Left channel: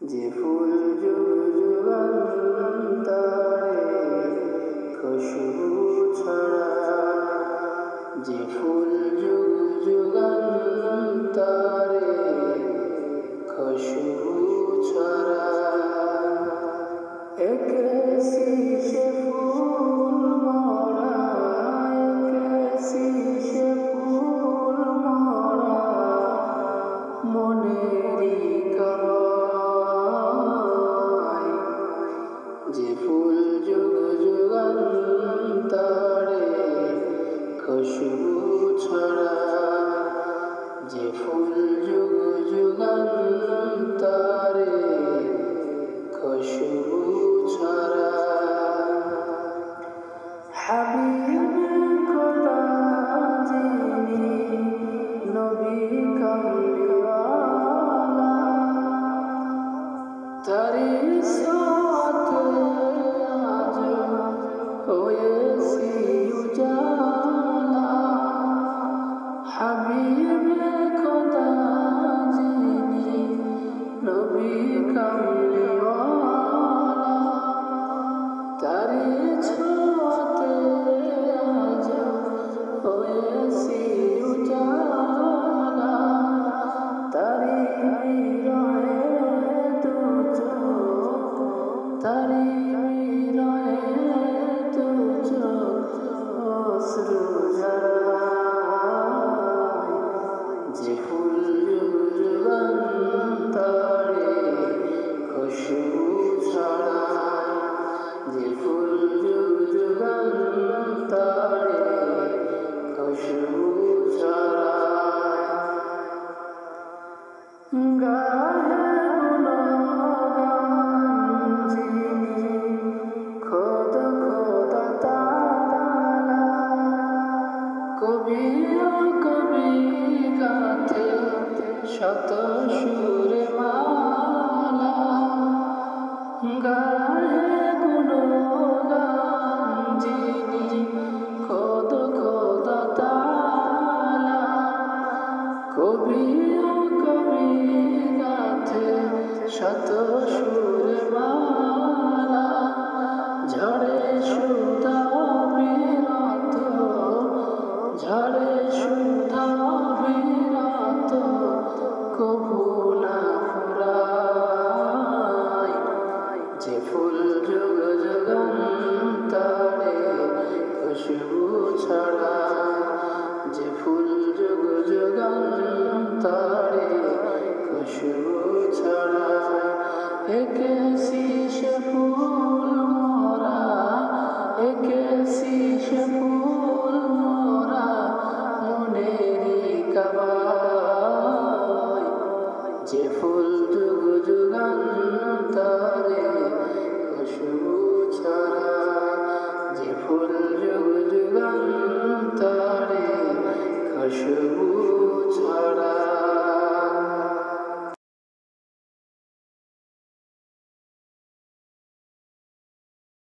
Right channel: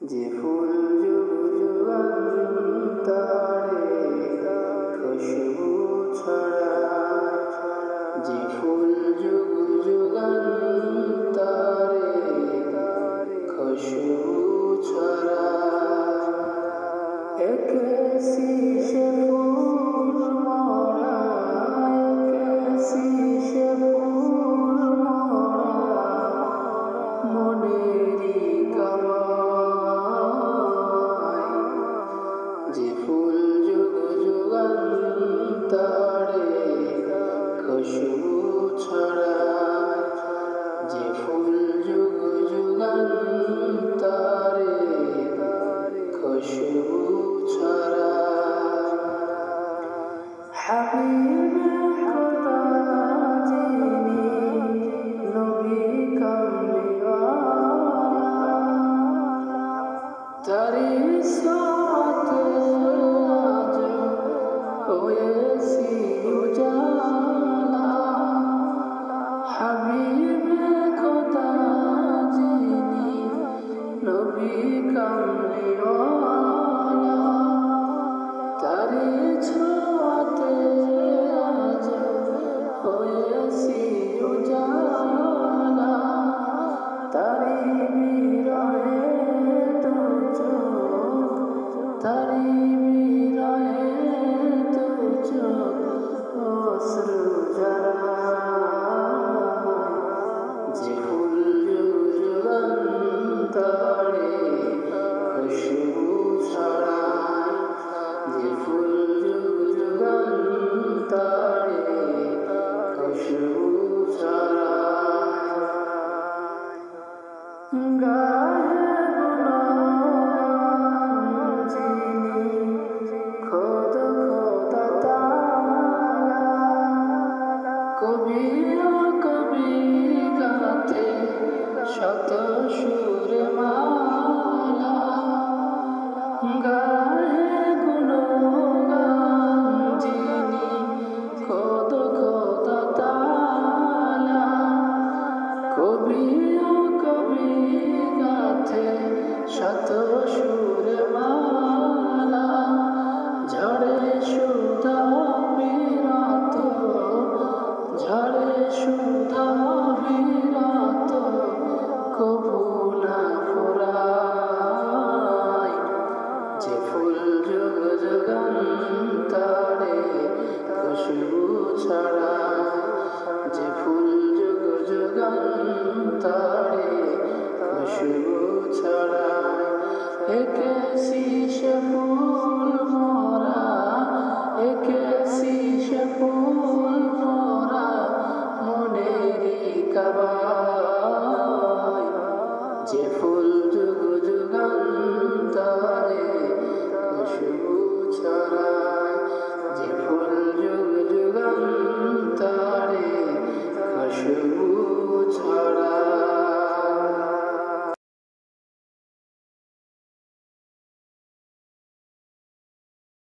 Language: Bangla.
যে ফুল যুগ যুগান্তরে খুশবু ছড়ায়, যে ফুল যুগ যুগান্তরে খুশবু ছড়ায়। একেসি সে ফুল মরা, একেসি সে ফুল মরা মনেরই কাবায়। যে ফুল যুগ যুগান্তরে খুশবু ছড়ায়, যে ফুল যুগ যুগান্তরে খুশবু ছড়ায়। হাবিবে খোদা যিনি নবী কামলিওয়ালা, তারি সাথে আজ হয়েছি উজালা। হাবিবে খোদা যিনি নবী কামলিওয়ালা, তারি ছোঁয়াতে আজ হয়েছি উজালা। তারি বিরহে দু চোখ, তারি বিরহে দু চোখ অশ্রু ঝরায়। যে ফুল যুগ যুগান্তরে খুশবু ছড়ায়, যে ফুল যুগ যুগান্তরে খুশবু ছড়ায়। গায়ে গুণগান যিনি খোদ খোদা তাআলা, কবি ও কবি গাথে শত সুরে মালা। গায়ে গুণগান যিনি খোদ খোদা তাআলা, কবি ও কবি গাথে শত সুরে মালা। ঝড়ে সুধা বিরাত, ঝড়ে সুধা বিরাত কভু না ফুরায়। যে ফুল যুগ যুগান্তরে খুশবু ছড়ায়, যে ফুল যুগ যুগান্তরে খুশবু ছড়ায়। একেসি সে ফুল মরা, একেসি সে ফুল মরা মনেরই কাবায়। যে ফুল যুগ যুগান্তরে খুশবু ছড়ায়, যে ফুল যুগ যুগান্তরে খুশবু